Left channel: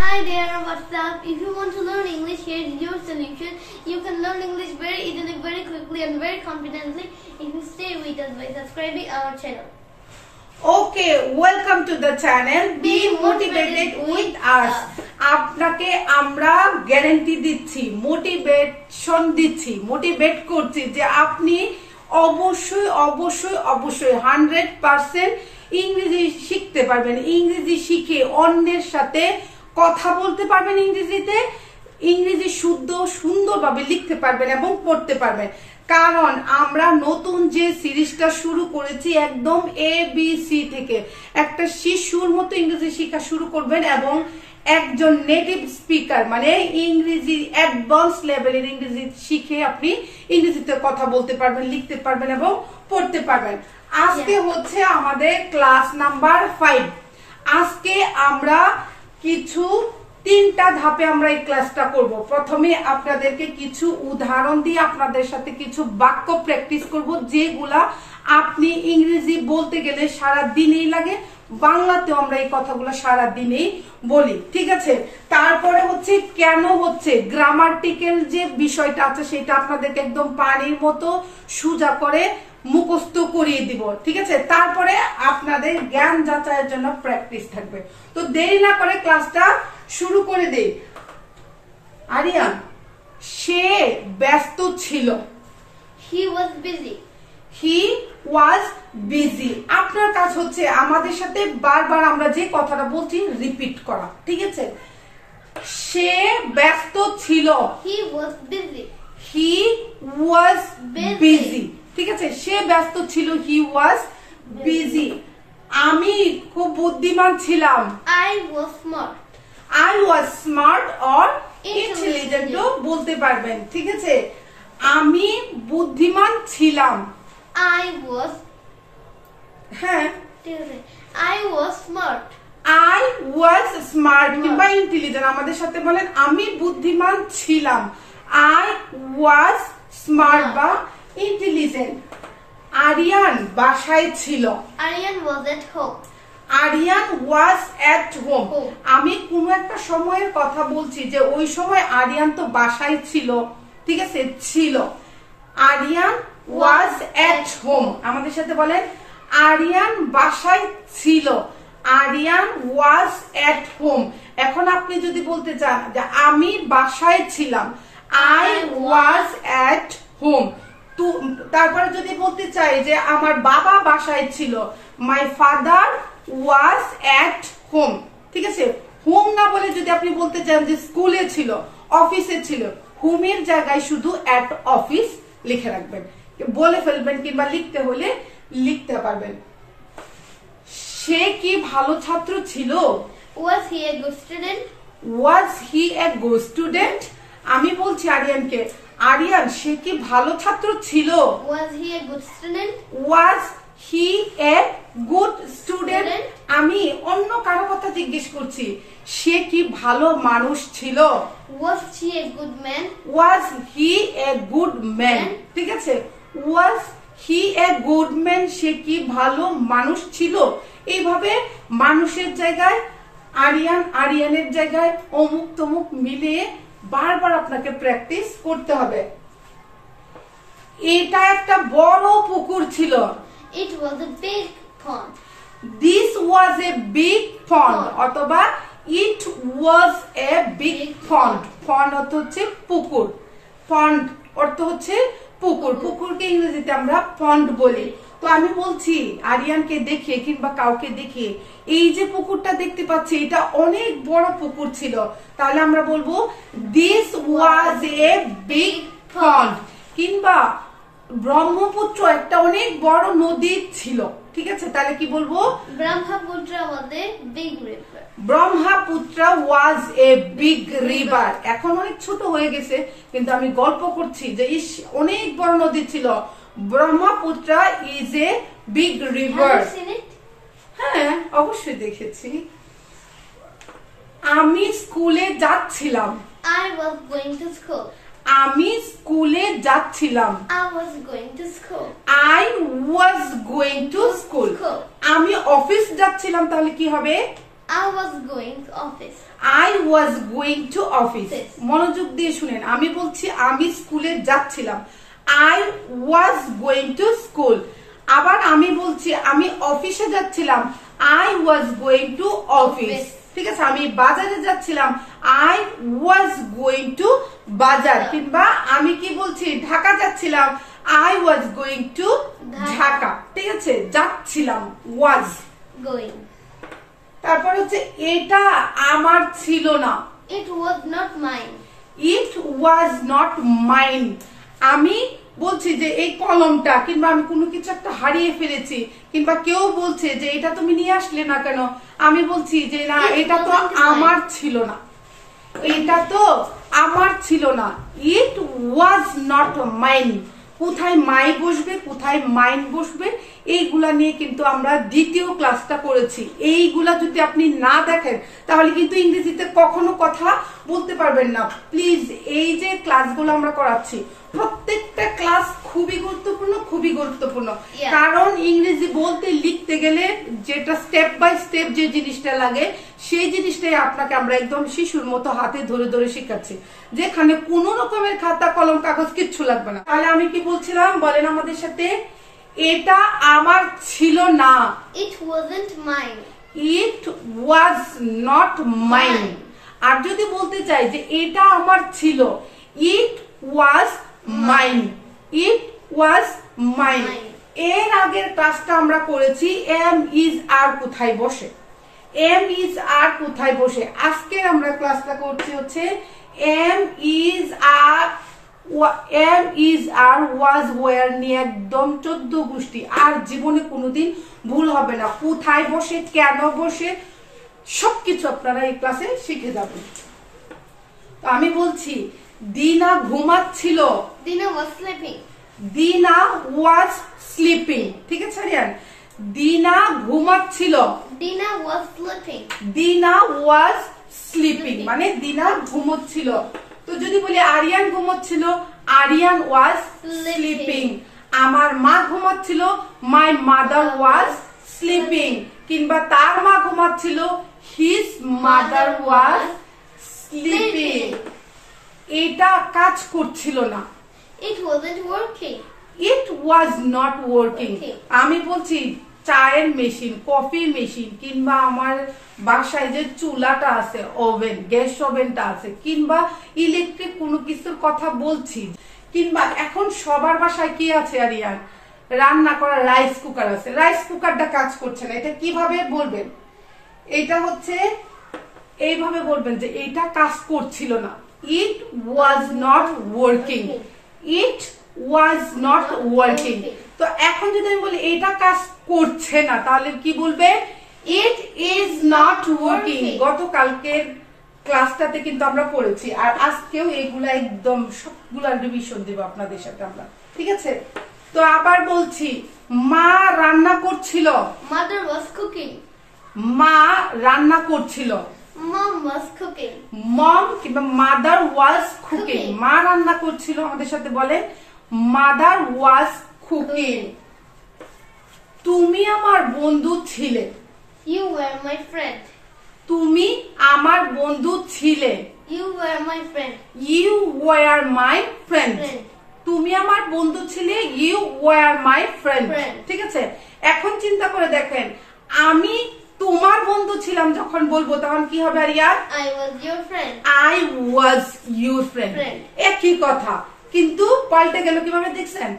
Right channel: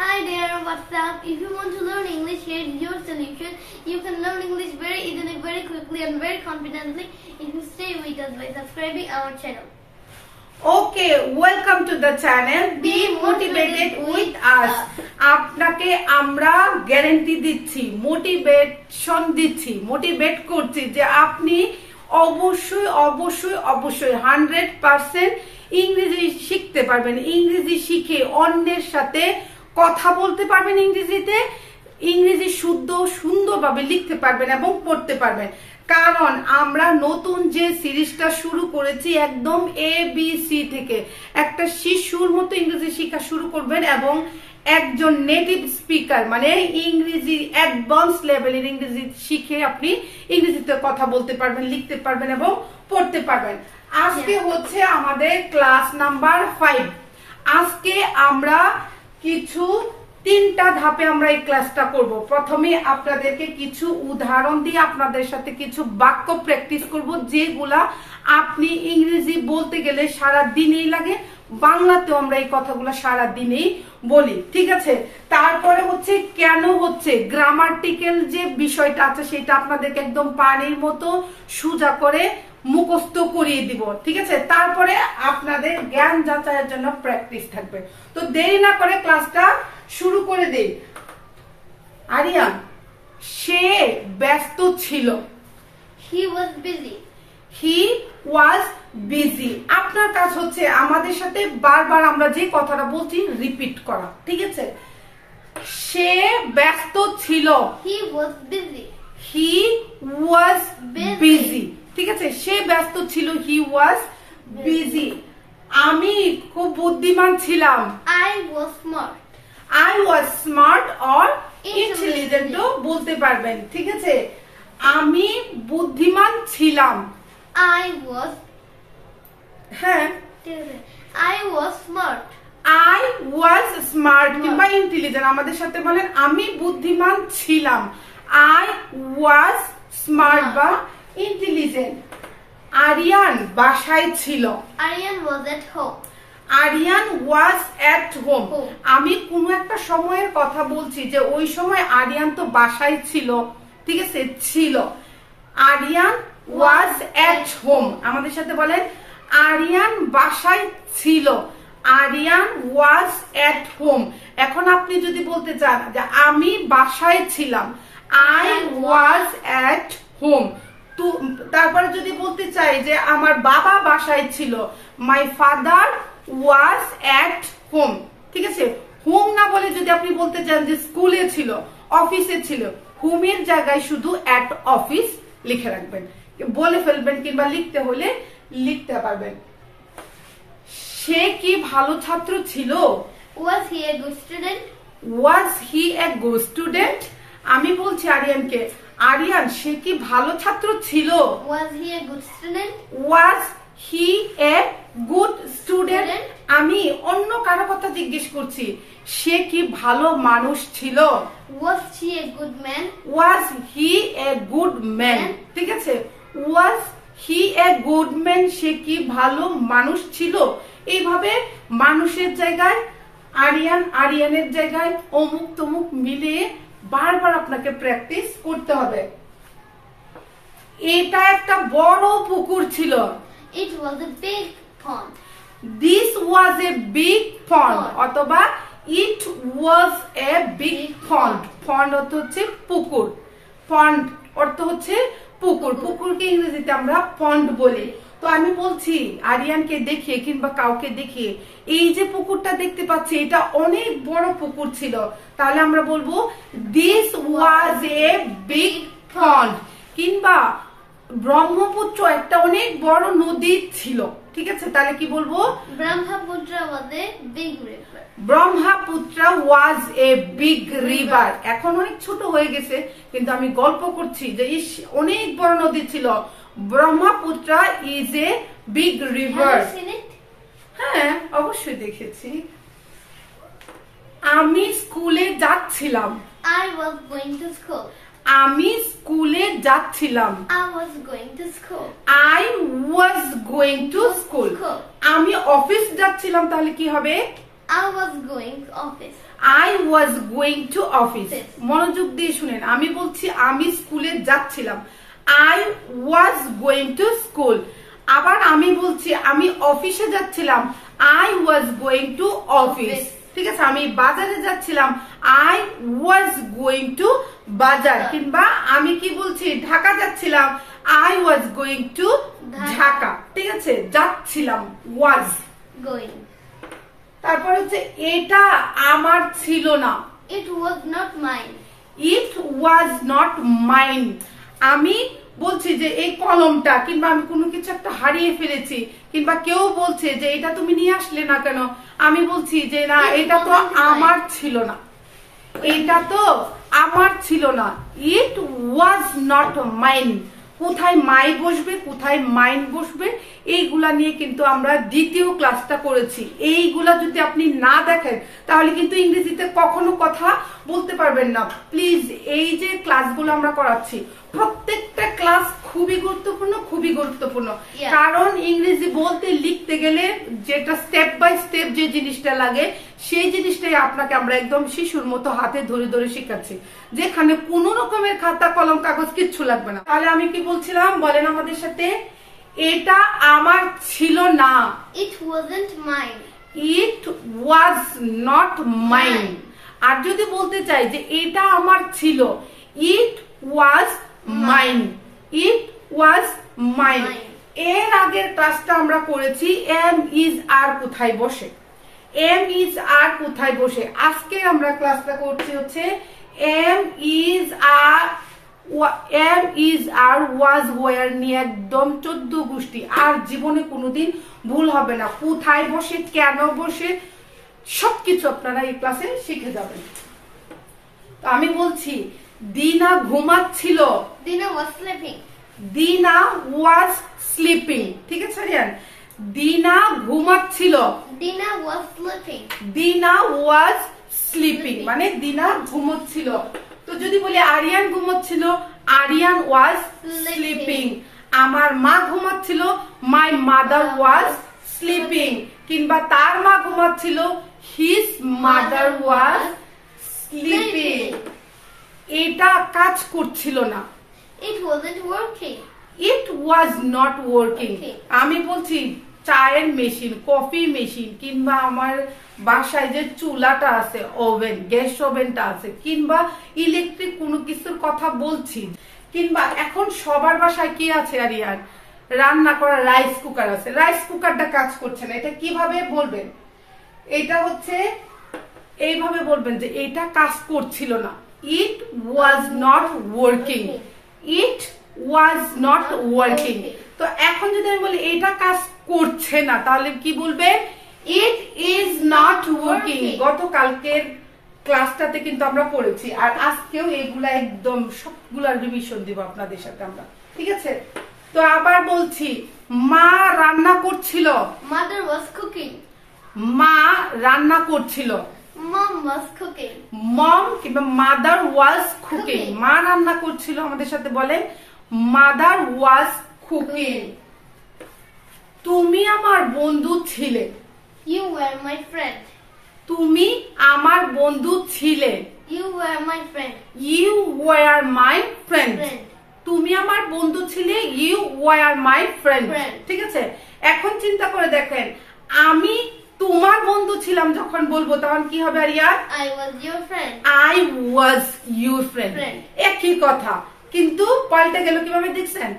Hi there, what's up? If you want to learn English, here is your solution. You can learn English very easily, very quickly and very confidently if you stay with us by subscribing our channel. Okay, welcome to the channel. Be motivated with us. আপনাকে আমরা guarantee দিচ্ছি, motivation দিচ্ছি, motivate করছি যে আপনি অবশ্যই 100% ইংরেজি শিখতে পারবেন। ইংরেজি শিখে অন্যের সাথে কথা বলতে পারবেন, ইংরেজি সুন্দরভাবে লিখতে পারবেন এবং পড়তে পারবেন। কারণ আমরা নতুন যে সিরিজটা শুরু করেছি একদম ABC থেকে, একটা শিশুর মতো ইংরেজি শেখা শুরু করবেন এবং একজন নেটিভ স্পিকার মানে ইংরেজি অ্যাডভান্স লেভেলের ইংরেজি শিখে আপনি ইংরেজিতে কথা বলতে পারবেন, লিখতে পারবেন এবং পড়তে পারবেন। আজকে হচ্ছে আমাদের ক্লাস নাম্বার 5। আজকে আমরা তিনটা ধাপে আমরা এই ক্লাসটা করব। প্রথমে আপনাদেরকে কিছু উদাহরণ দিয়ে আপনাদের সাথে কিছু বাক্য প্র্যাকটিস করব, যেগুলা আপনি ইংরেজি বলতে গেলে সারা দিনেই লাগে, বাংলাতেও আমরা এই কথাগুলো সারা দিনেই বলি, ঠিক আছে। তারপরে হচ্ছে কেন হচ্ছে গ্রামাটিক্যাল যে বিষয়টা আছে সেটা আপনাদেরকে একদম পানির মতো সোজা করে মুখস্থ করিয়ে দিব, ঠিক আছে। তারপরে আপনাদের জ্ঞান যাচাইয়ের জন্য প্র্যাকটিস থাকবে। তো দেরি না করে ক্লাসটা শুরু করে দেই। আরিয়ান, সে ব্যস্ত ছিল। He was busy. He was busy. আপনার কাজ হচ্ছে আমাদের সাথে বারবার আমরা যে কথাটা বলছি রিপিট করা, ঠিক আছে। সে ব্যস্ত ছিল। He was busy. He was busy. ঠিক আছে, সে ব্যস্ত ছিল। He was busy. আমি খুব বুদ্ধিমান ছিলাম। I was smart. I was smart or intelligent বলতে পারবেন, ঠিক আছে। আমি বুদ্ধিমান ছিলাম। I was smart. I was smart কিংবা ইন্টেলিজেন্ট আমাদের সাথে বলেন আমি বুদ্ধিমান ছিলাম। I was smart বা ইন্টেলিজেন্ট। আরিয়ান বাসায় ছিল। Aryan was at home. Aryan was at home. আমি কোন একটা সময়ের কথা বলছি যে ওই সময় আরিয়ান তো বাসায় ছিল, ঠিক আছে, ছিল। আরিয়ান ওয়াজ এট হোম আমাদের সাথে বলেন আরিয়ান বাসায় ছিল। Aryan was at home. এখন আপনি যদি বলতে চান যে আমি বাসায় ছিলাম, আই ওয়াজ এট হোম। তারপরে যদি বলতে চাই যে আমার বাবা বাসায় ছিল, my father was at home, ঠিক আছে। হোম না বলে যদি আপনি বলতে চান যে স্কুলে ছিল, অফিসে ছিল, হোমের জায়গায় শুধু এট অফিস লিখে রাখবেন, বলে ফেলবেন কিংবা লিখতে হলে লিখতে পারবেন। সে কি ভালো ছাত্র ছিল? Was he a good student? Was he a good student? আমি বলছি আরিয়ানকে, আরিয়ান সে কি ভালো ছাত্র ছিল? Was he a good student? Was he a good student? আমি অন্য কারো কথা জিজ্ঞেস করছি, সে কি ভালো মানুষ ছিল? Was he a good man? Was he a good man? ঠিক আছে, was he a good man, সে কি ভালো মানুষ ছিল। এইভাবে মানুষের জায়গায় আরিয়ান, আরিয়ানের জায়গায় অমুক তমুক মিলিয়ে বারবার আপনাকে প্র্যাকটিস করতে হবে। এটা একটা বড় পুকুর ছিল। It was a big pond. This was a big pond অথবা it was a big pond. pond অর্থ হচ্ছে পুকুর, pond অর্থ হচ্ছে পুকুর। পুকুরকে ইংরেজিতে আমরা পন্ড বলি। তো আমি বলছি আরিয়ানকে দেখে কিংবা কাউকে দেখে, এই যে পুকুরটা দেখতে পাচ্ছি এটা অনেক বড় পুকুর ছিল, তাহলে আমরা বলবো দিস ওয়াজ এ বিগ পন্ড। কিংবা ব্রহ্মপুত্র একটা অনেক বড় নদী ছিল, ঠিক আছে, তাহলে কি বলবো? Brahmaputra was a big river. Brahmaputra was a big river. এখন অনেক ছোট হয়ে গেছে কিন্তু আমি গল্প করছি যে অনেক বড় নদী ছিল। Brahmaputra is a big river. Have you seen it? হ্যাঁ, অবশ্যই দেখেছি। আমি স্কুলে যাচ্ছিলাম। I was going to school. আমি স্কুলে যাচ্ছিলাম। I was going to school. I was going to school. আমি অফিস যাচ্ছিলাম, তাহলে কি হবে? I was going to office. I was going to office. মনোযোগ দিয়ে শুনেন, আমি বলছি আমি স্কুলে যাচ্ছিলাম। I was going to school. আবার আমি বলছি আমি অফিসে যাচ্ছিলাম। I was going to office. ঠিক আছে, আমি বাজারে যাচ্ছিলাম। I was going to বাজার। কিংবা আমি কি বলছি ঢাকা যাচ্ছিলাম। I was going to Dhaka. ঠিক আছে, যাচ্ছিলাম was going. তারপর হচ্ছে এটা আমার ছিল না। It was not mine. It was not mine. আমি বলছি যে এই কলমটা, কিংবা আমি কোনো কিছু একটা হারিয়ে ফেলেছি, কিংবা কেউ বলছে যে এটা তুমি নিয়ে আসলে না কেন, আমি বলছি যে না এটা তো আমার ছিল না, এটা তো আমার ছিল না। It was not mine. কোথায় মাই বসবে, কোথায় মাইন বসবে, এইগুলা নিয়ে কিন্তু আমরা দ্বিতীয় ক্লাসটা করেছি। এইগুলা যদি আপনি না দেখেন তাহলে কিন্তু ইংরেজিতে কখনো কথা বলতে পারবেন না। প্লিজ এই যে ক্লাসগুলো আমরা করাচ্ছি, প্রত্যেকটা ক্লাস খুবই গুরুত্বপূর্ণ, খুবই গুরুত্বপূর্ণ। কারণ ইংরেজি বলতে লিখতে গেলে যেটা স্টেপ বাই স্টেপ যে জিনিসটা লাগে, সেই জিনিসটাই আপনাকে আমরা একদম শিশুর মতো হাতে ধরে ধরে শেখাচ্ছি, যেখানে কোন রকমের খাতা কলম কাগজ কিচ্ছু লাগবে না। তাহলে আমি কি বলছিলাম বলেন আমাদের সাথে, এটা আমার ছিল না। It wasn't mine. It was not mine. আর যদি বলতে চাই যে এটা আমার ছিল, it was mine. It was mine. এর আগের ক্লাসটা আমরা করেছি am is are কোথায় বসে, am is are কোথায় বসে। আজকে আমরা ক্লাসটা করছি হচ্ছে am is are was where নিয়ে একদম 14 গোষ্ঠী। আর জীবনে কোনোদিন ভুল হবে না, কোথায় বসে, কেন বসে, সবকিছু আপনারা এই ক্লাসে শিখে যাবেন। তো আমি বলছি দিনা ঘুমাচ্ছিল। Dina was sleeping. দিনা was sleeping. ঠিক আছে রিয়ান, দিনা ঘুমাচ্ছিল। Dina was sleeping. দিনা was sleeping মানে দিনা ঘুমোচ্ছিল। তো যদি বলি আরিয়ান ঘুমোচ্ছিল, আরিয়ান was sleeping. আমার মা ঘুমাচ্ছিল, my mother was sleeping. কিংবা তার মা ঘুমাচ্ছিল, his mother was sleeping. এটা কাজ করছিল না। It wasn't working. It was not working. Okay. আমি বলছি চায়ের মেশিন, কফি মেশিন, কিংবা আমার বাসায় যে চুলাটা আছে, ওভেন, গ্যাস ওভেনটা আছে, কিংবা ইলেকট্রিক কোনো কিছুর কথা বলছি, কিংবা এখন সবার বাসায় কি আছে আরিয়ান, রান্না করার রাইস কুকার আছে, রাইস কুকারটা কাজ করছে না। এটা কিভাবে বলবেন, এটা হচ্ছে এইভাবে বলবেন যে এটা কাজ করছিল না। It was not working. It was not working. তো এখন যদি আমি বলি এটা কাজ করছে না, তাহলে কি বলবে, it is not working. গতকালকের ক্লাসটাতে কিন্তু আমরা পড়েছি, আর আজকেও এগুলা একদম সবগুলা রিভিশন দিব আপনাদের সাথে আমরা, ঠিক আছে? তো আবার বলছি মা রান্না করছিল। Mother was cooking. মা রান্না করছিল। Mom was cooking. মম কিংবা মাদার ওয়াজ কুকিং। মা রান্না করছিল, আমাদের সাথে বলেন মাদার ওয়াজ কুকিং। তুমি আমার বন্ধু ছিলে। You were my friend. তুমি আমার বন্ধু ছিলে। You were my friend. You were my friend. তুমি আমার বন্ধু ছিলে, you were my friend. ঠিক আছে, এখন চিন্তা করে দেখেন, আমি তোমার বন্ধু ছিলাম যখন বলবো তখন কি হবে Aryan? I was your friend. I was your friend. একই কথা, কিন্তু পাল্টে গেল কিভাবে দেখছেন?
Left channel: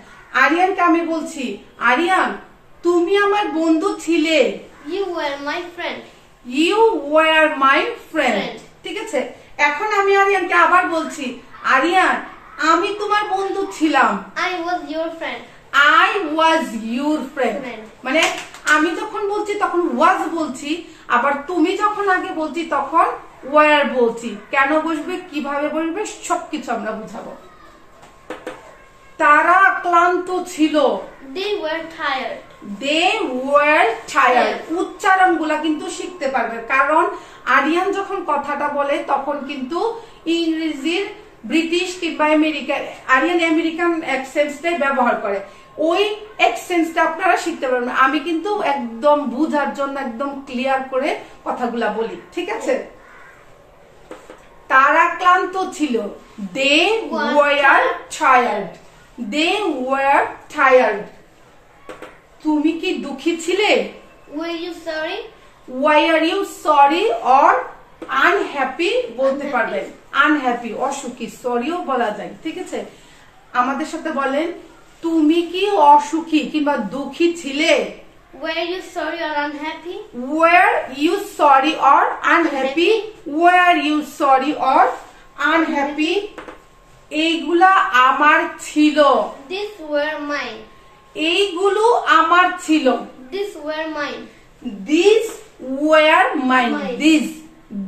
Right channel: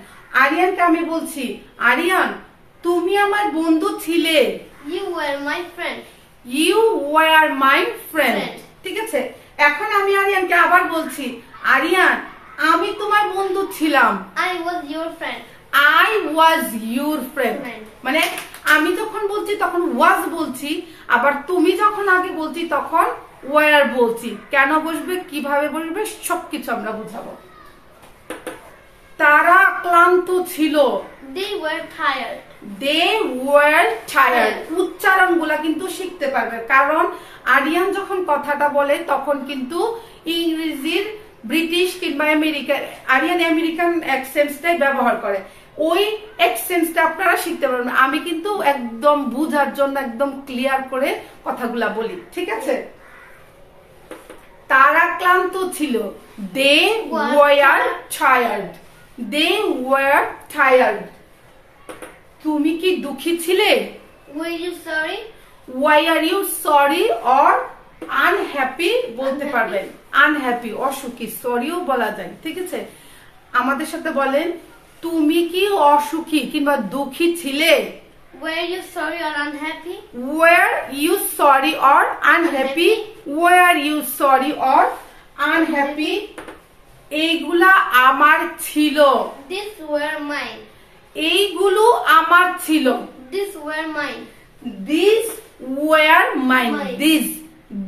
আরিয়ানকে আমি বলছি আরিয়ান তুমি আমার বন্ধু ছিলে। You were my friend. You were my friend. ঠিক আছে, এখন আমি আরিয়ানকে আবার বলছি আরিয়ান আমি তোমার বন্ধু ছিলাম। I was your friend. I was your friend. মানে আমি যখন বলছি তখন was বলছি, আবার তুমি যখন আগে বলছি তখন were বলছি। কেন বসবে, কিভাবে বসবে, সবকিছু আমরা বুঝাবো। তারা ক্লান্ত ছিল। They were tired. They were tired. উচ্চারণগুলা কিন্তু শিখতে পারবে, কারণ আরিয়ান যখন কথাটা বলে তখন কিন্তু ইংরেজির ব্রিটিশ কিংবা আমেরিকান, আরিয়ান আমেরিকান অ্যাকসেন্টটাই ব্যবহার করে। ওই এক্সচেঞ্জটা আপনারা শিখতে পারবেন। আমি কিন্তু একদম বুঝার জন্য একদম ক্লিয়ার করে কথাগুলা বলি, ঠিক আছে? তারা ক্লান্ত ছিল, they were tired, they were tired. তুমি কি দুঃখী ছিলে? Were you sorry? Why are you sorry or unhappy বলতে পারবেন। আনহ্যাপি অসুখী, সরিও বলা যায়, ঠিক আছে? আমাদের সাথে বলেন, তুমি কি অসুখী কিংবা দুঃখী ছিলে? Were you sorry or unhappy? Were you sorry or unhappy? Were you sorry or unhappy? এইগুলা আমার ছিল। These were mine. এইগুলো আমার ছিল। These were mine. These were mine.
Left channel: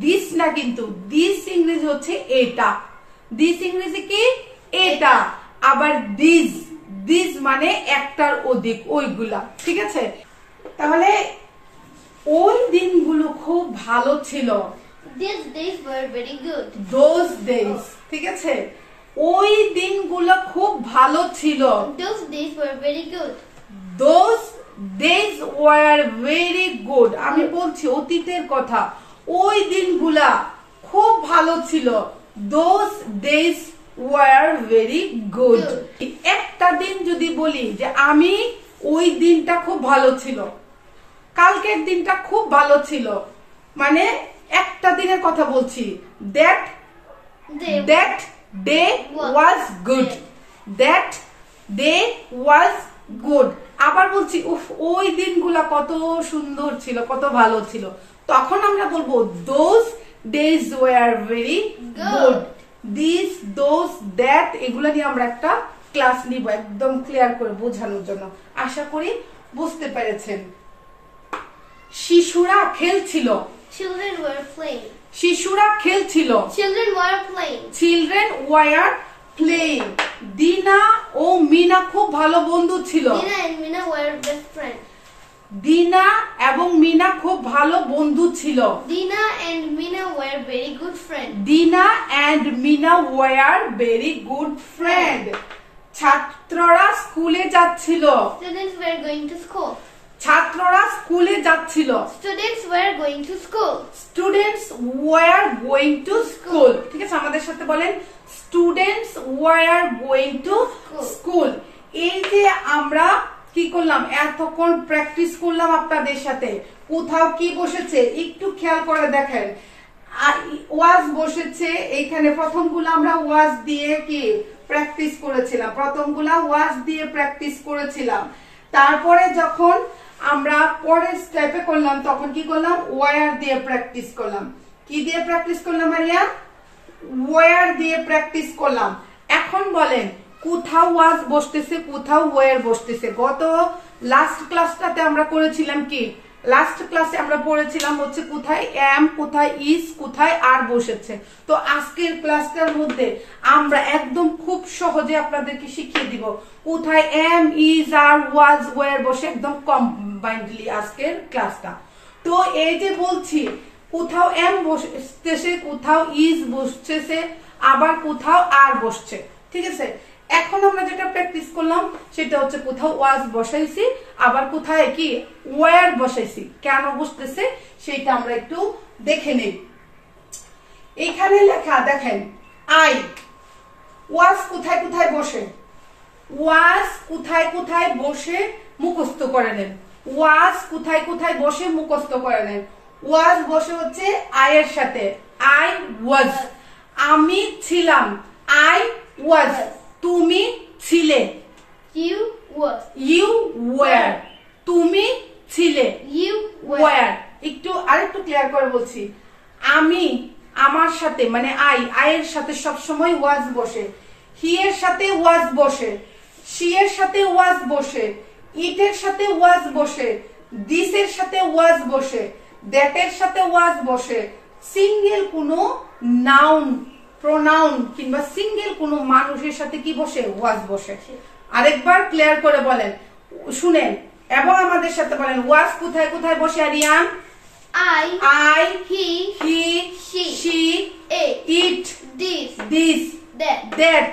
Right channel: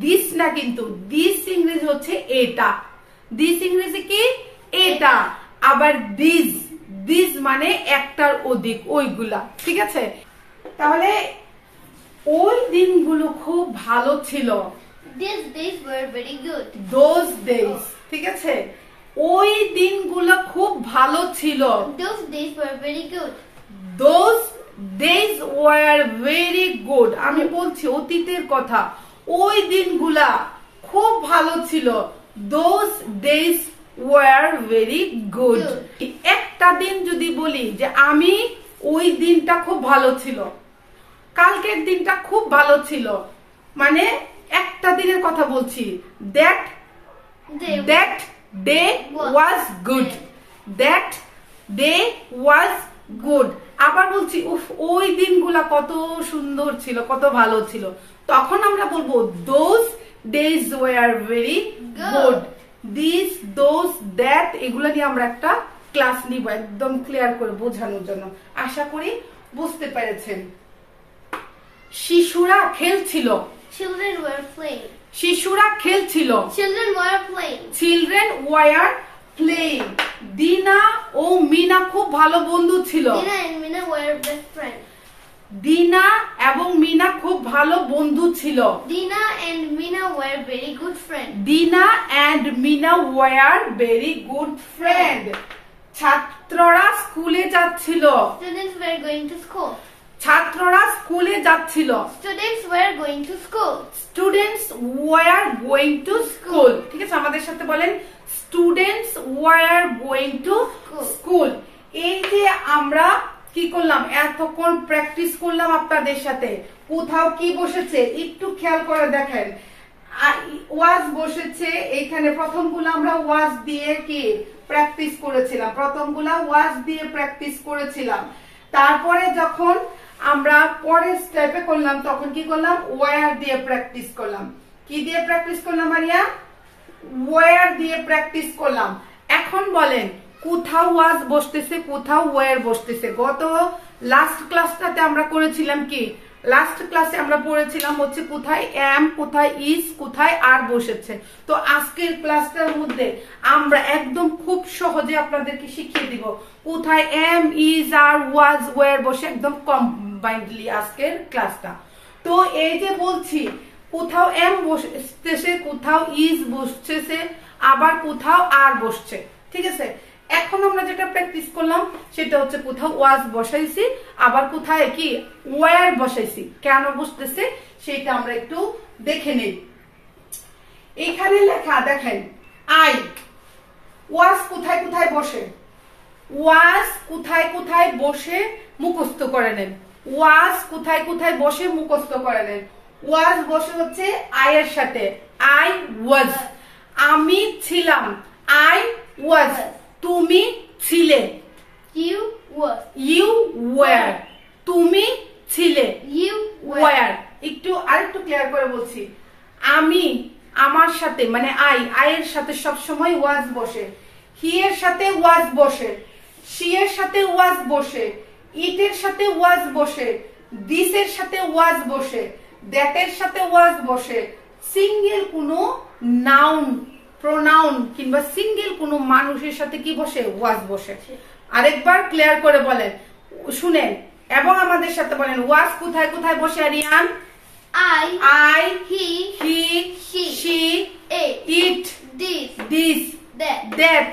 This না কিন্তু, this ইংরেজি হচ্ছে এটা, this ইংরেজি কি এটা, আবার this মানে একটার অধিক, ওইগুলা, ঠিক আছে? তাহলে ওই দিনগুলো খুব ভালো ছিল। These days were very good. Those days, ঠিক আছে? ওই দিনগুলো খুব ভালো ছিল। Those days were very good. Those days were very good. আমি বলছি অতীতের কথা, ওই দিনগুলা খুব ভালো ছিল। Those days were very good. একটা দিন যদি বলি যে আমি ওই দিনটা খুব ভালো ছিল, কালকের দিনটা খুব ভালো ছিল, মানে একটা দিনের কথা বলছি, that day was good. That day was good. আবার বলছি উফ, ওই দিনগুলা কত সুন্দর ছিল, কত ভালো ছিল, তখন আমরা বলবো those days were very good. These, those, that, এগুলা নিয়ে আমরা একটা ক্লাস নিব একদম ক্লিয়ার করে বোঝানোর জন্য। আশা করি বুঝতে পেরেছেন। শিশুরা খেলছিল। Children were playing. শিশুরা খেলছিল। Children were playing. Children were playing. দিনা ও মিনা খুব ভালো বন্ধু ছিল। Dina and Mina were best friends. দিনা এবং মিনা খুব ভালো বন্ধু ছিল। Dina and Mina were very good friends. দিনা and Mina were very good friend. ছাত্ররা স্কুলে যাচ্ছিল। Students were going to school. ছাত্ররা স্কুলে যাচ্ছিল। Students were going to school. Students were going to school. ঠিক আছে, আমাদের সাথে বলেন, students were going to school. এই যে আমরা কি করলাম, এতক্ষণ প্র্যাকটিস করলাম আপনাদের সাথে, কোথাও কি বসেছে একটু খেয়াল করে দেখেন। ওয়াজ বসেছে এইখানে, প্রথমগুলো আমরা ওয়াজ দিয়ে কি প্র্যাকটিস করেছিলাম, প্রথমগুলা ওয়াজ দিয়ে প্র্যাকটিস করেছিলাম। তারপরে যখন আমরা পরের স্টেপে করলাম তখন কি করলাম, ওয়ার দিয়ে প্র্যাকটিস করলাম। কি দিয়ে প্র্যাকটিস করলাম মারিয়া? ওয়ার দিয়ে প্র্যাকটিস করলাম। এখন বলেন, কোথাও ওয়াজ বসতেছে, কোথাও ওয়ার বসতেছে। গত লাস্ট ক্লাসটাতে আমরা করেছিলাম কি, লাস্ট ক্লাসে আমরা পড়েছিলাম হচ্ছে কোথায় এম, কোথায় ইজ, কোথায় আর বসেছে। তো আজকের ক্লাসটার মধ্যে আমরা একদম খুব সহজে আপনাদেরকে শিখিয়ে দিব কোথায় am, is, are, was, were বসে, একদম কম্বাইন্ডলি আজকের ক্লাসটা। তো এই যে বলছি কোথাও এম বসতেছে, কোথাও ইজ বসতেছে, আবার কোথাও আর বসছে, ঠিক আছে? এখন আমরা যেটা প্র্যাকটিস করলাম সেটা হচ্ছে কোথাও ওয়াজ বসাইছি, আবার কোথায় কি ওয়ার বসাইছি, কেন বসতেছে সেটা আমরা একটু দেখে নেই। এখানে লেখা দেখেন, আই। ওয়াজ কোথায় কোথায় বসে, ওয়াজ কোথায় কোথায় বসে মুখস্থ করে নেন। ওয়াজ কোথায় কোথায় বসে মুখস্থ করে নেন। ওয়াজ বসে হচ্ছে আয়ের সাথে, আই ওয়াজ। আমি ছিলাম, আই ওয়াজ। তুমি ছিলে, You were. You were. তুমি ছিলে, You ওয়ার। একটু আরেকটু ক্লিয়ার করে বলছি, আমি, আমার সাথে মানে আই, আয়ের সাথে সবসময় ওয়াজ বসে। হি এর সাথে ওয়াজ বসে, শি এর সাথে ওয়াজ বসে, ইট এর সাথে ওয়াজ বসে, দিস এর সাথে ওয়াজ বসে, দ্যাট এর সাথে ওয়াজ বসে। সিঙ্গেল কোনো নাউন, প্রোনাউন কিংবা সিঙ্গেল কোনো মানুষের সাথে কি বসে, ওয়াজ বসে। আরেকবার ক্লিয়ার করে বলেন, শুনেন এবং আমাদের সাথে বলেন, ওয়াজ কোথায় কোথায় বসে Aryan? I, I, he, he, she, it, it, this, this, that, that.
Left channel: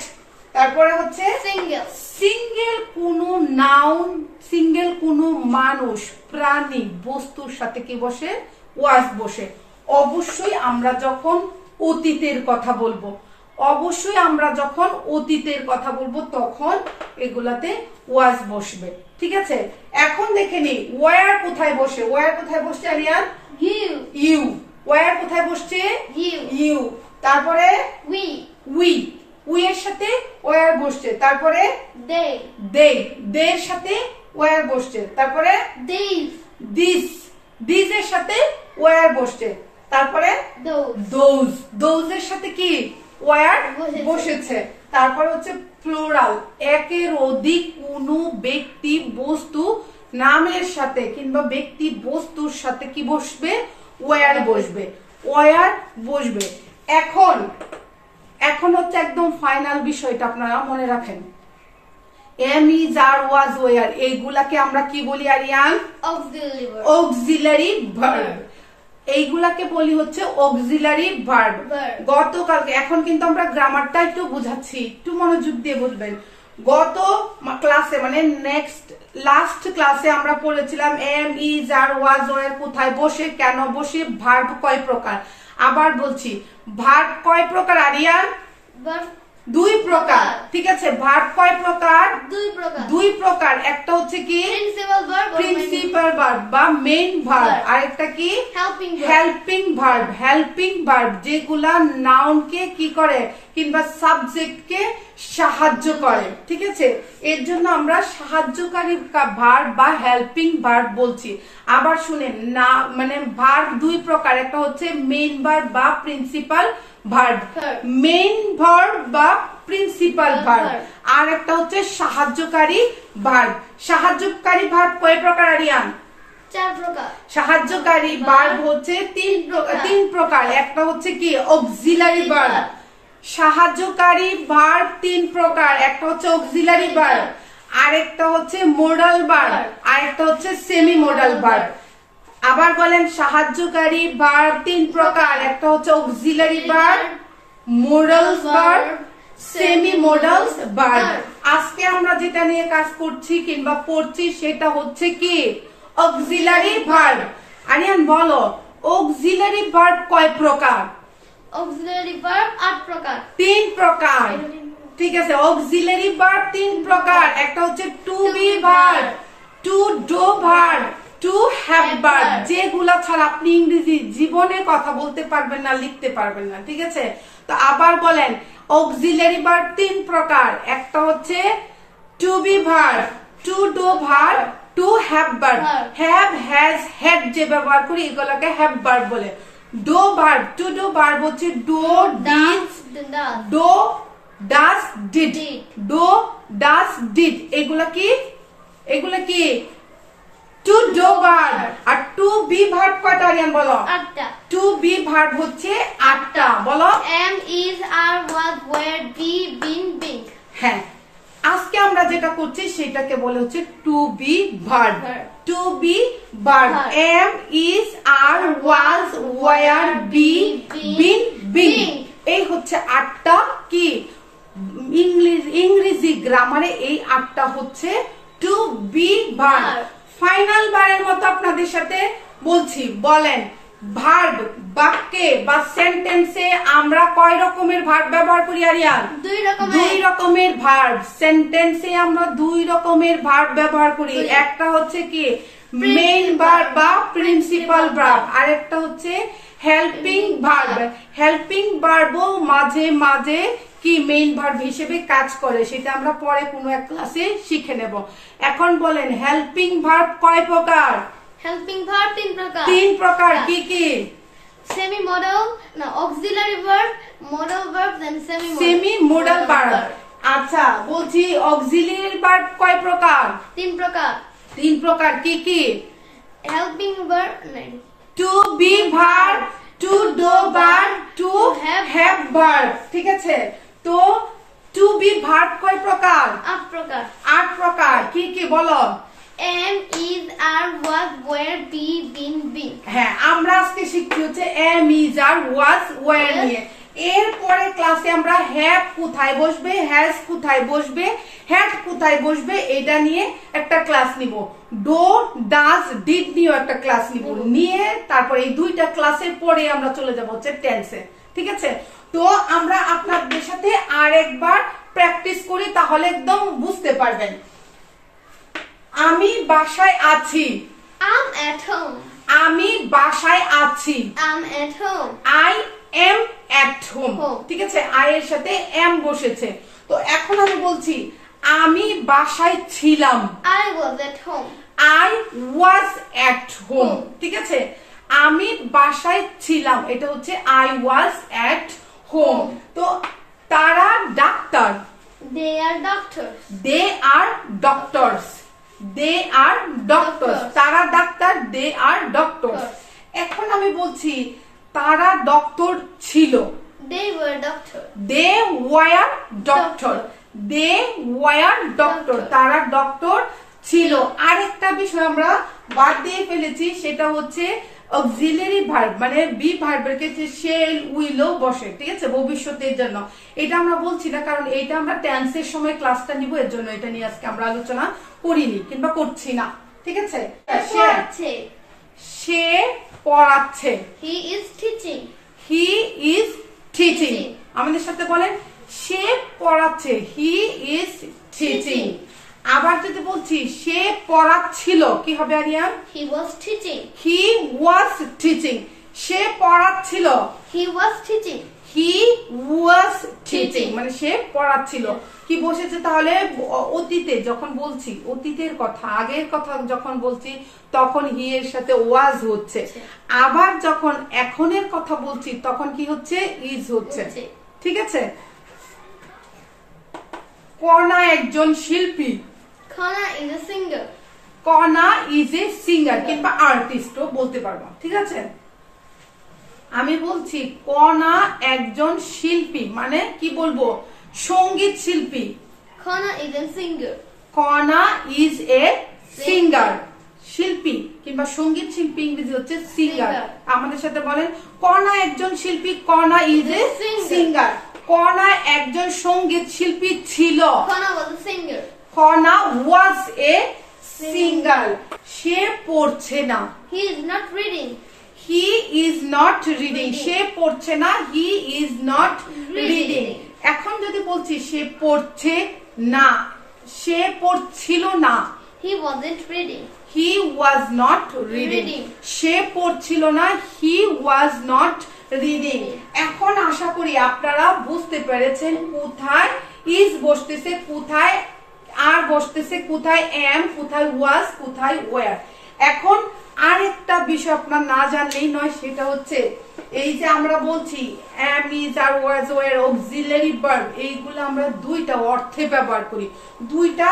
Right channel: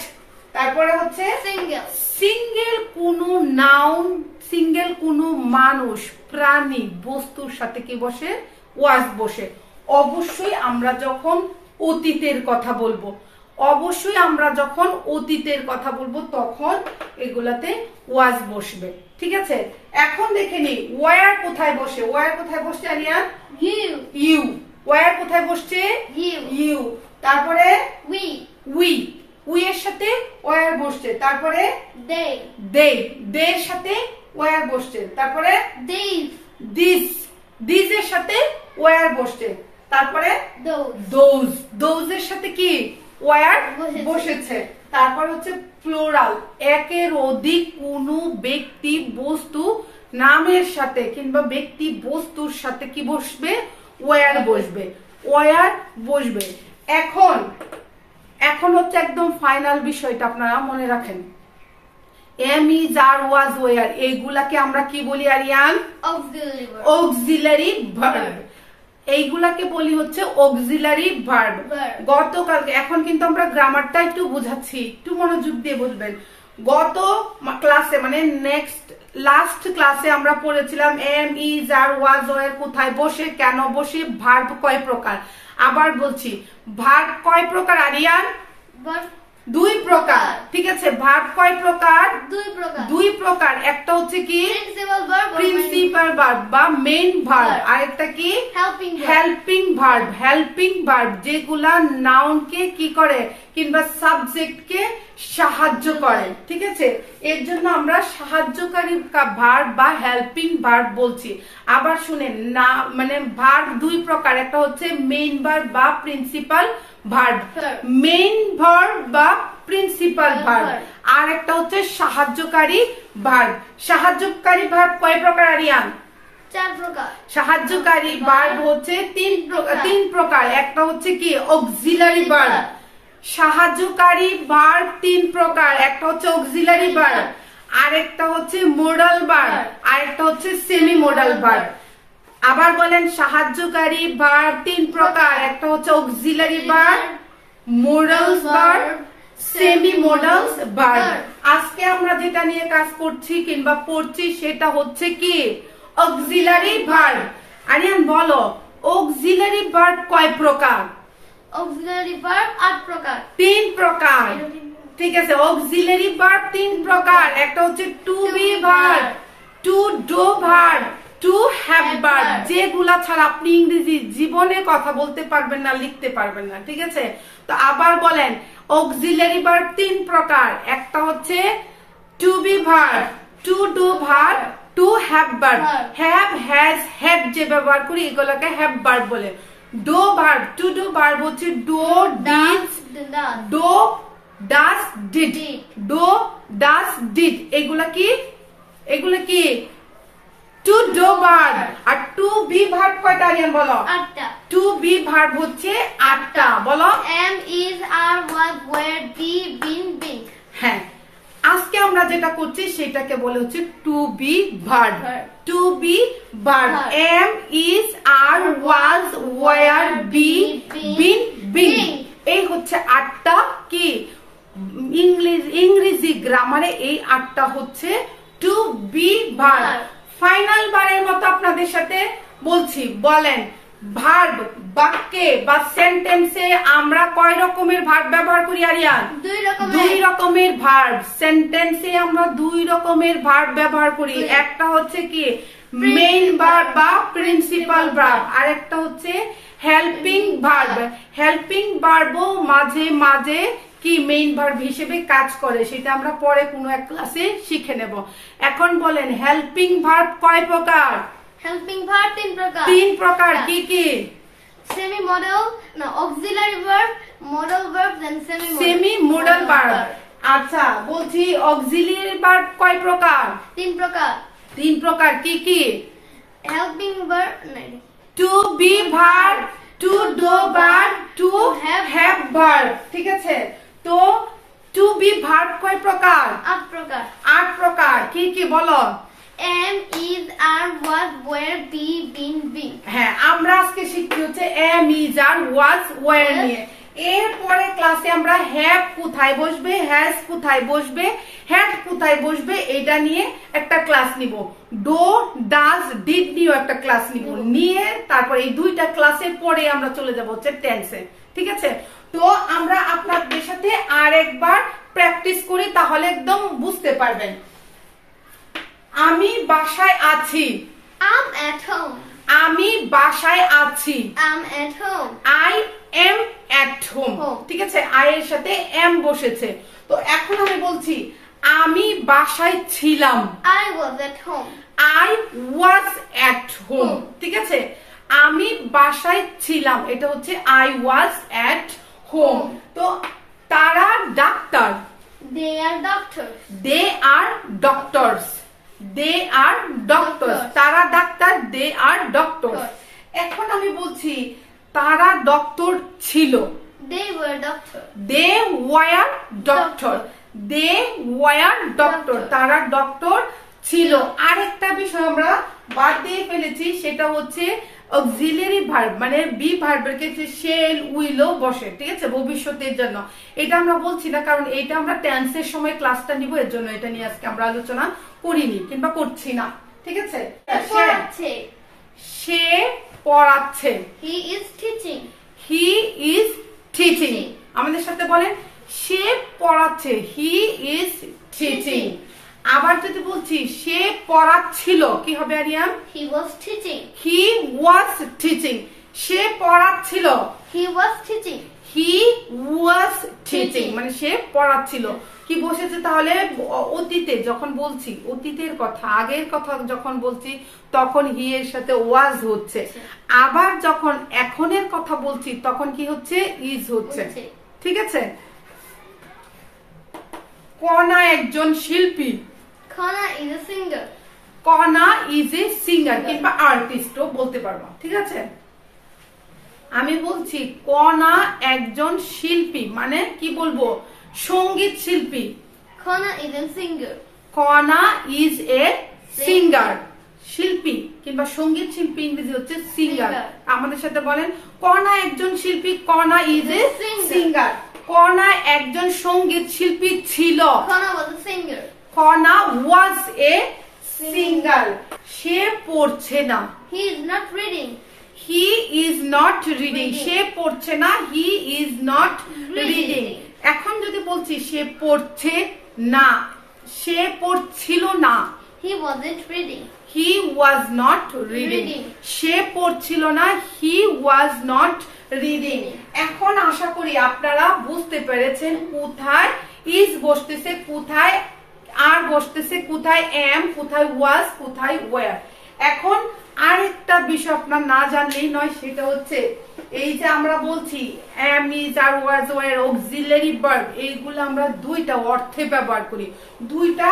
তারপরে হচ্ছে single, সিঙ্গেল কোনো নাউন, সিঙ্গেল কোনো মানুষ, প্রাণী, বস্তুর সাথে কি বসে? ওয়াজ বসে। অবশ্যই আমরা যখন অতীতের কথা বলবো, অবশ্যই আমরা যখন অতীতের কথা বলবো তখন এগুলাতে ওয়াজ বসবে, ঠিক আছে? এখন দেখে নি ওয়ার কোথায় বসে। ওয়ার কোথায় বসছে আরিয়ান? You. ইউ। ওয়ার কোথায় বসছে? You. ইউ। তারপরে We. উই। উই এর সাথে ওয়ার বসছে। তারপরে They. দে। দে এর সাথে ওয়ার বসছে। তারপরে These. দিস। দিস এর সাথে ওয়ার বসছে। তারপরে Those. দোজ। দোজ এর সাথে কি? ওয়ার বসেছে। বসেছে। তারপর হচ্ছে প্লুরাল, একের অধিক কোনো ব্যক্তি বস্তু নামের সাথে কিংবা ব্যক্তি বস্তুর সাথে কি বসবে? ওয়ার বসবে। ওয়ার বসবে। এখন এখন হচ্ছে একদম ফাইনাল বিষয়টা আপনারা মনে রাখেন। Am is are was were এইগুলাকে আমরা কি বলি Aryan? Auxiliary verb. Auxiliary verb. এইগুলাকে বলি হচ্ছে অক্সিলারি ভার্ব। গতকালকে, এখন কিন্তু আমরা গ্রামারটা একটু বুঝাচ্ছি, একটু মনোযোগ দিয়ে বুঝবেন। গত ক্লাসে মানে লাস্ট ক্লাসে আমরা পড়েছিলাম am is are was were কোথায় বসে, কেন বসে, ভার্ব কয় প্রকার। আবার বলছি, ভার্ব কয় প্রকার আরিয়ান? Verb. দুই প্রকার, ঠিক আছে? ভার্ব কয় প্রকার? দুই প্রকার। দুই প্রকার। একটা হচ্ছে কি? Principal verb or main principal verb বা মেইন ভার্ব। verb. আরেকটা কি? helping verb. Helping verb. Helping verb যেগুলা নাউনকে কি করে কিংবা সাবজেক্টকে সাহায্য করে, ঠিক আছে? এর জন্য আমরা সাহায্যকারী ভার্ব বা হেল্পিং ভার্ব বলছি। আবার শুনেন না, মানে ভার্ব দুই প্রকার, একটা হচ্ছে মেইন ভার্ব বা প্রিন্সিপাল ভার্ব। মেইন ভার্ব বা প্রিন্সিপাল ভার্ব। আর একটা হচ্ছে সাহায্যকারী ভার্ব। সাহায্যকারী ভার্ব কয় প্রকার আরিয়ান? চার প্রকার। সাহায্যকারী ভার্ব হচ্ছে তিন প্রকার। একটা হচ্ছে কি? Auxiliary verb. সাহায্যকারী ভার্ব তিন প্রকার। একটা হচ্ছে অক্সিলারি ভার্ব, আরেকটা হচ্ছে মোডাল ভার্ব, আরেকটা হচ্ছে সেমি মোডাল ভার্ব। আবার বলেন, সাহায্যকারী ভার্ব তিন প্রকার। একটা হচ্ছে auxiliary verb, modal verb, semi modal verb. আজকে আমরা যেটা নিয়ে কাজ করছি কিংবা পড়ছি সেটা হচ্ছে কি? Auxiliary verb. আরিয়ান বলো, অক্সিলারি ভার্ব কয় প্রকার? Auxiliary verb 8 প্রকার। তিন প্রকার, ঠিক আছে? অক্সিলারি ভার্ব তিন প্রকার। একটা হচ্ছে to be verb, to do verb, to have verb. যেগুলা ছাড়া আপনি ইংরেজি জীবনে কথা বলতে পারবেন না, লিখতে পারবেন না, ঠিক আছে? তো আবার বলেন, অক্সিলারি ভার্ব তিন প্রকার। একটা হচ্ছে to be verb, to do verb, to have verb. Have, has, had যে ব্যবহার করি এগুলোকে হ্যাভ ভার্ব বলে। Do verb, to do verb হচ্ছে do, did, do, does, did. Do, does, did এগুলা কি? এগুলা কি? To do verb. আর টু বি ভার্ব কয়টা আরিয়ান বলো? 8টা। টু বি ভার্ব হচ্ছে 8টা। বলো। am, is, are, was, were, be, been, been. হ্যাঁ, আজকে আমরা যেটা করছি সেটাকে বলে হচ্ছে to be verb. To be verb am, is, are, was, were, be, been, being. এই হচ্ছে 8টা কি ইংরেজি গ্রামারে। এই 8টা হচ্ছে টু বি ভার্ব। ফাইনাল বারের মতো আপনাদের সাথে বলছি, বলেন ভার্ব বাক্যে বা সেন্টেন্সে আমরা কয় রকমের ভার্ব ব্যবহার করি আরিয়ান? দুই রকমের ভার্ব। সেন্টেন্সে আমরা দুই রকমের ভার্ব ব্যবহার করি। একটা হচ্ছে কি? মেইন ভার্ব বা প্রিন্সিপাল ভার্ব, আর একটা হচ্ছে হেল্পিং ভার্ব। হেল্পিং ভার্বও মাঝে মাঝে কি মেইন ভার্ব হিসেবে কাজ করে, সেটা আমরা পরে কোনো এক ক্লাসে শিখে নেব। এখন বলেন, হেল্পিং ভার্ব কয় প্রকার? হেল্পিং ভার্ব 3 প্রকার। 3 প্রকার কি কি? সেমি মডেল, না অক্সিলারি ভার্ব, মডেল ভার্ব, দেন সেমি মডেল ভার্ব। আচ্ছা, বলছি অক্সিলারি ভার্ব কয় প্রকার? 3 প্রকার। 3 প্রকার কি কি? Helping verb, to be verb, to do verb, to have verb, ঠিক আছে? তো টু বি ভার্ব কয় প্রকার? 8 প্রকার। 8 প্রকার কি কি বলো? am, is, are, was, were, be, been, been. হ্যাঁ, আমরা আজকে শিখছি হচ্ছে am, is, are, was, were নিয়ে। এরপরে ক্লাসে আমরা হ্যাভ কোথায় বসবে, হ্যাজ কোথায় বসবে, হ্যাড কোথায় বসবে এটা নিয়ে একটা ক্লাস নিব। ডো, ডাজ, ডিড নিয়েও একটা ক্লাস নিব। নিয়ে তারপরে এই দুইটা ক্লাসের পরে আমরা চলে যাব হচ্ছে টেন্সে। ঠিক আছে, তো আমরা আপনাদের সাথে আর একবার প্র্যাকটিস করি, তাহলে একদম বুঝতে পারবেন। আমি বাসায় আছি। I'm at home. আমি বাসায় আছি। I'm at home. I am at home. ঠিক আছে, I এর সাথে am বসেছে। তো এখন আমি বলছি আমি বাসায় ছিলাম। I was at home. I was at home. ঠিক আছে, আমি বাসায় ছিলাম, এটা হচ্ছে I was at home. তো তারা doctor. They are doctors. They are doctors. They are doctors. তারা ডাক্তার, they are doctors. এখন আমি বলছি তারা ডক্টর ছিল। They were doctors. They were doctor. They were doctor. তারা ডক্টর ছিল। আরেকটা বিষয় আমরা বাদ দিয়ে ফেলেছি, সেটা হচ্ছে অক্সিলারি ভার্ব, মানে বি ভার্বের ক্ষেত্রে শেল, উইলও বসে। ঠিক আছে, ভবিষ্যতের জন্য। এটা আমরা বলছি না, কারণ এটা আমরা টেন্সের সময় ক্লাসটা নিব, এর জন্য এটা নিয়ে আজকে আমরা আলোচনা করিনি কিংবা করছি না। ঠিক আছে, সে পড়াচ্ছে। He is teaching. He is teaching. আমাদের সাথে বলেন সে পড়াচ্ছে। He is teaching. আবার যদি বলছি সে পড়াচ্ছিল, কি হবে Aryan? He was teaching. He was teaching. Say পড়াচ্ছিল। He was teaching. He was teaching, মানে সে পড়াচ্ছিল। কি বসেছে তাহলে? অতীতে যখন বলছি, অতীতের কথা, আগের কথা যখন বলছি, তখন হি এর সাথে ওয়াজ হচ্ছে। আবার যখন এখনের কথা বলছি, তখন কি হচ্ছে? ইজ হচ্ছে। ঠিক আছে, কণা একজন শিল্পী। Kana is a singer. কণা ইজ এ সিঙ্গার কিংবা আর্টিস্টও বলতে পারবো। ঠিক আছে, আমি বলছি কণা একজন শিল্পী, মানে কি বলবো? সঙ্গীত শিল্পী। Kana is a singer. কণা ইজ এ সিঙ্গার, শিল্পী কিংবা সঙ্গীত শিল্পী ইংরেজি হচ্ছে সিঙ্গার। আমাদের সাথে বলেন কণা একজন শিল্পী। কণা ইজ এ সিঙ্গার। কণা একজন সঙ্গীত শিল্পী ছিল। Kana was a singer. কণা ওয়াজ এ সিঙ্গার। সে পড়ছে না। He is not reading. He is not reading. সে পড়ছে না। He is not reading. এখন যদি বলছি সে পড়ছে না, সে পড়ছিল না। He wasn't reading. He was not reading. সে পড়ছিল না। He was not reading. এখন আশা করি আপনারা বুঝতে পেরেছেন কোথায় is বসতেছে, কোথায় আর বসতেছে, কোথায় am, কোথায় was, কোথায় were। এখন আরেকটা বিষয় আপনার না জানলেই নয়, সেটা হচ্ছে এই যে আমরা বলছি am, is, are was, were auxiliary verb, এইগুলো আমরা দুইটা অর্থে ব্যবহার করি। দুইটা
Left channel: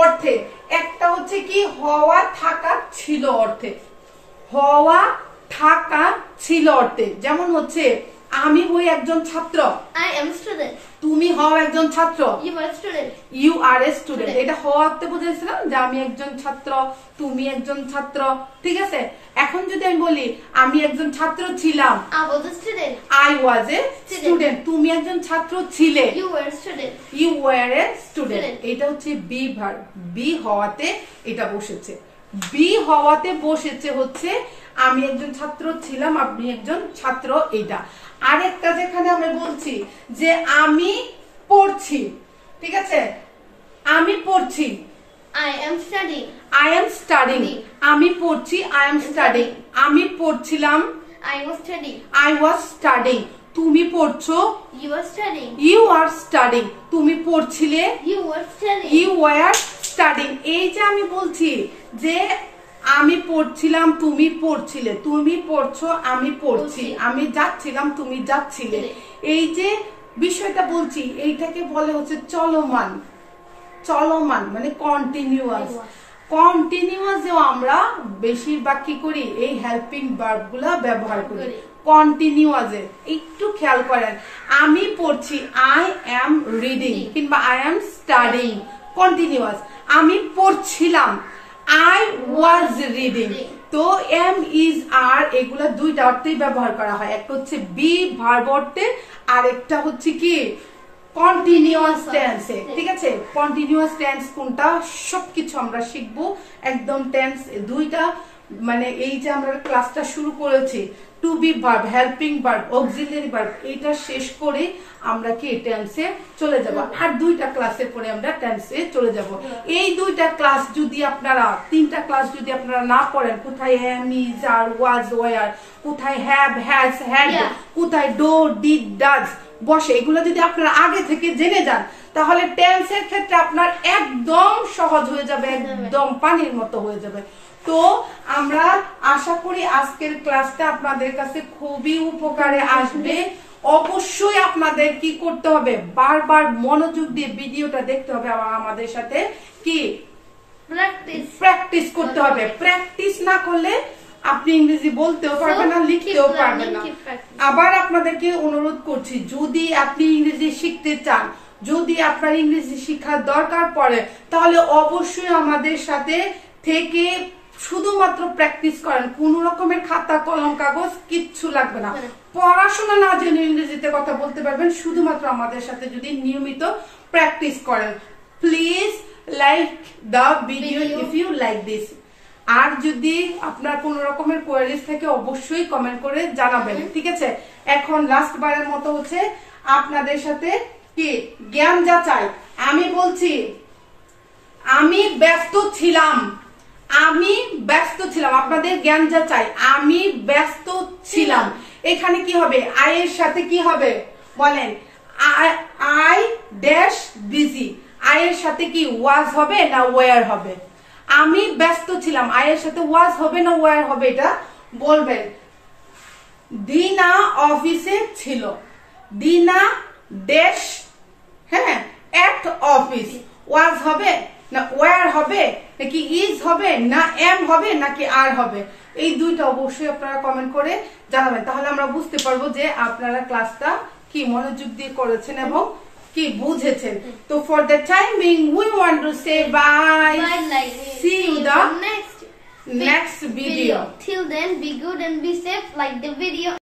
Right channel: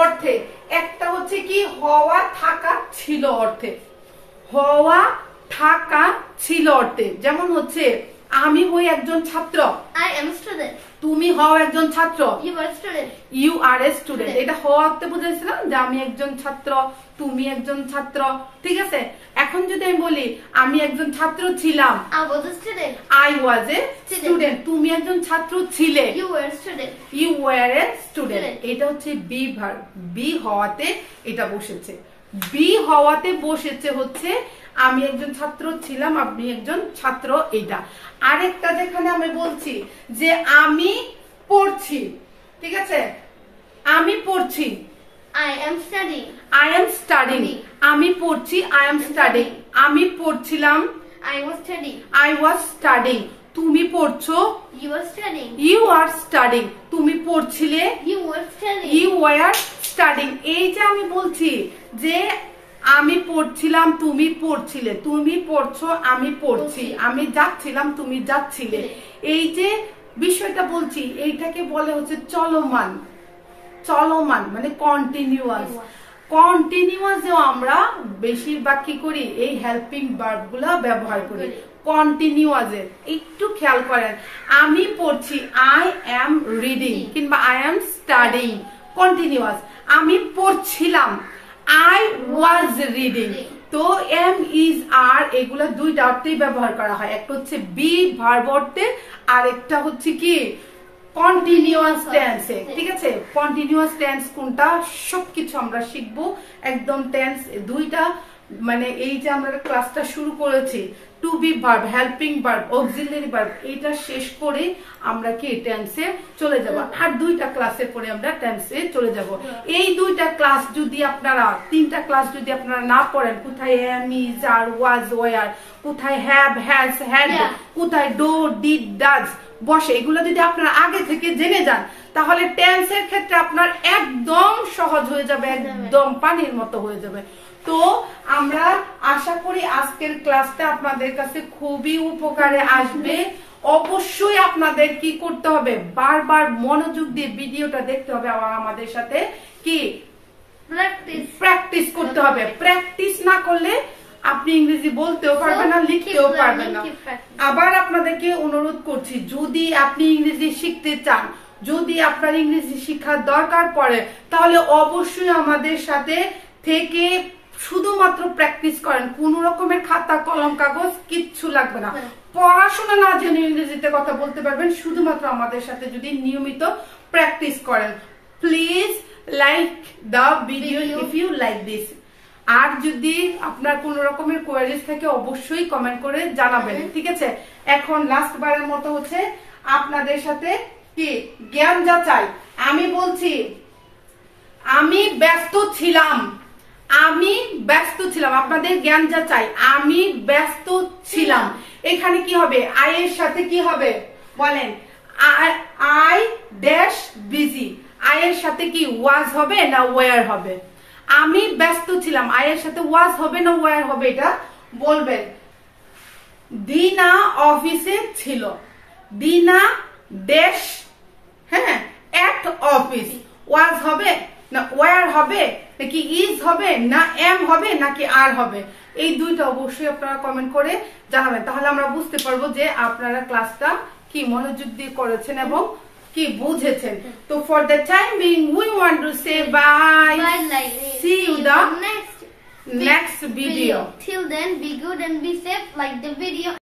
অর্থে, একটা হচ্ছে কি হওয়া, থাকা, ছিল অর্থে। হওয়া, থাকা, ছিল অর্থে। যেমন হচ্ছে আমি হই একজন ছাত্র। I am a student. তুমি হও একজন ছাত্র। You are a student. You are a student. এটা হওয়া অর্থে বুঝাইছিলাম যে আমি একজন ছাত্র, তুমি একজন ছাত্র। ঠিক আছে, এখন যদি আমি বলি আমি একজন ছাত্র ছিলাম। I was a student. I was a student. তুমি একজন ছাত্র ছিলে। You were a student. You were a student. এটা হচ্ছে বি ভার্ব। বি হওয়াতে এটা বসেছে। বি হওয়াতে বসেছে হচ্ছে আমি একজন ছাত্র ছিলাম, আপনি একজন ছাত্র। এটা আরেকটা যেখানে আমি বলছি যে আমি পড়ছি। ঠিক আছে, আমি পড়ছি। I am studying. I am studying. আমি পড়ছি। I am studying. আমি পড়ছিলাম। I was studying. I was studying. তুমি পড়ছো। You were studying. You are studying. তুমি পড়ছিলে। You were studying. You were studying. এই যে আমি বলছি যে আমি পড়ছিলাম, তুমি পড়ছিলে, তুমি পড়ছো, আমি পড়ছি, আমি যাচ্ছিলাম, তুমি যাচ্ছিলে। এই যে বিষয়টা বলছি, এইটাকে বলে হচ্ছে চলমান। চলমান মানে কন্টিনিউয়াস। কন্টিনিউয়াসেও আমরা বেশিরভাগ কি করি? এই হেল্পিং ভার্ব গুলা ব্যবহার করি। কন্টিনিউয়াসে একটু খেয়াল করেন, আমি পড়ছি, আই এম রিডিং কিংবা আই এম স্টাডিং। কন্টিনিউয়াস। আমি পড়ছিলাম, I was reading. তো এম ইজ আর এগুলা দুইটা অর্থেই ব্যবহার করা হয়, একটা হচ্ছে বি ভার্ব অর্থে আর একটা হচ্ছে কি কন্টিনিউয়াস টেন্সে। ঠিক আছে, কন্টিনিউয়াস টেন্স কোনটা সবকিছু আমরা শিখবো একদম। টেন্স দুইটা মানে এই যে আমরা ক্লাসটা শুরু করেছি to be verb, helping verb, auxiliary verb, এটা শেষ করে আমরা কি টেন্সে চলে যাব। আর দুইটা ক্লাসের পরে আমরা টেন্সে চলে যাব। এই দুইটা ক্লাস যদি আপনারা, তিনটা ক্লাস যদি আপনারা না পড়েন, কোথায় am is are was were, কোথায় হ্যাভ হ্যাজ হ্যাড, কোথায় ডো ডিড ডাজ বসে, এগুলো যদি আপনারা আগে থেকে জেনে যান তাহলে টেন্সের ক্ষেত্রে আপনার একদম সহজ হয়ে যাবে, একদম পানির মতো হয়ে যাবে। তো আমরা আশা করি আজকের ক্লাসটা আপনাদের কাছে খুবই উপকারে আসবে। অবশ্যই আপনাদের কি করতে হবে, বারবার মনোযোগ দিয়ে ভিডিওটা দেখতে হবে, আবার আমাদের সাথে কি প্র্যাকটিস করতে হবে। প্র্যাকটিস না করলে আপনি ইংরেজি বলতেও পারবেন না, লিখতেও পারবেন না। আবার আপনাদেরকে অনুরোধ করছি, যদি আপনি ইংরেজি শিখতে চান, যদি আপনার ইংরেজি শিক্ষার দরকার পড়ে, তাহলে অবশ্যই আমাদের সাথে থেকে শুধুমাত্র প্র্যাকটিস করেন। কোন রকমের খাতা কলম কাগজ কিচ্ছু লাগবে না। পড়াশোনা না জেনে ইংরেজিতে কথা বলতে পারবেন শুধুমাত্র আমাদের সাথে যদি নিয়মিত প্র্যাকটিস করেন। Please like the video if you like this. আর যদি আপনার কোন রকমের কোয়ারিজ থাকে অবশ্যই কমেন্ট করে জানাবেন। ঠিক আছে, এখন লাস্ট বারের মতো হচ্ছে আপনাদের সাথে কি জ্ঞান যাচাই। আমি বলছি আমি ব্যস্ত ছিলাম, আমি ব্যস্ত ছিলাম, আপনাদের জ্ঞান যাচাই। আমি ব্যস্ত ছিলাম, এখানে কি হবে, আই এর সাথে কি হবে বলেন, আই ড্যাশ বিজি, আই এর সাথে কি ওয়াজ হবে না ওয়ার হবে? আমি ব্যস্ত ছিলাম, আই এর সাথে ওয়াজ হবে না ওয়ার হবে এটা বলবেন। দিনা অফিসে ছিল, দিনা ড্যাশ হ্যাঁ এট অফিস, ওয়াজ হবে না ওয়ার হবে, নাকি ইজ হবে না এম হবে নাকি আর হবে? এই দুইটা অবশ্যই আপনারা কমেন্ট করে জানাবেন, তাহলে আমরা বুঝতে পারবো যে আপনারা ক্লাসটা কি মনোযোগ দিয়ে করেছেন এবং কি বুঝেছেন। তো for the time being we want to say bye, see you the next video. Till then, be good and be safe, like the video.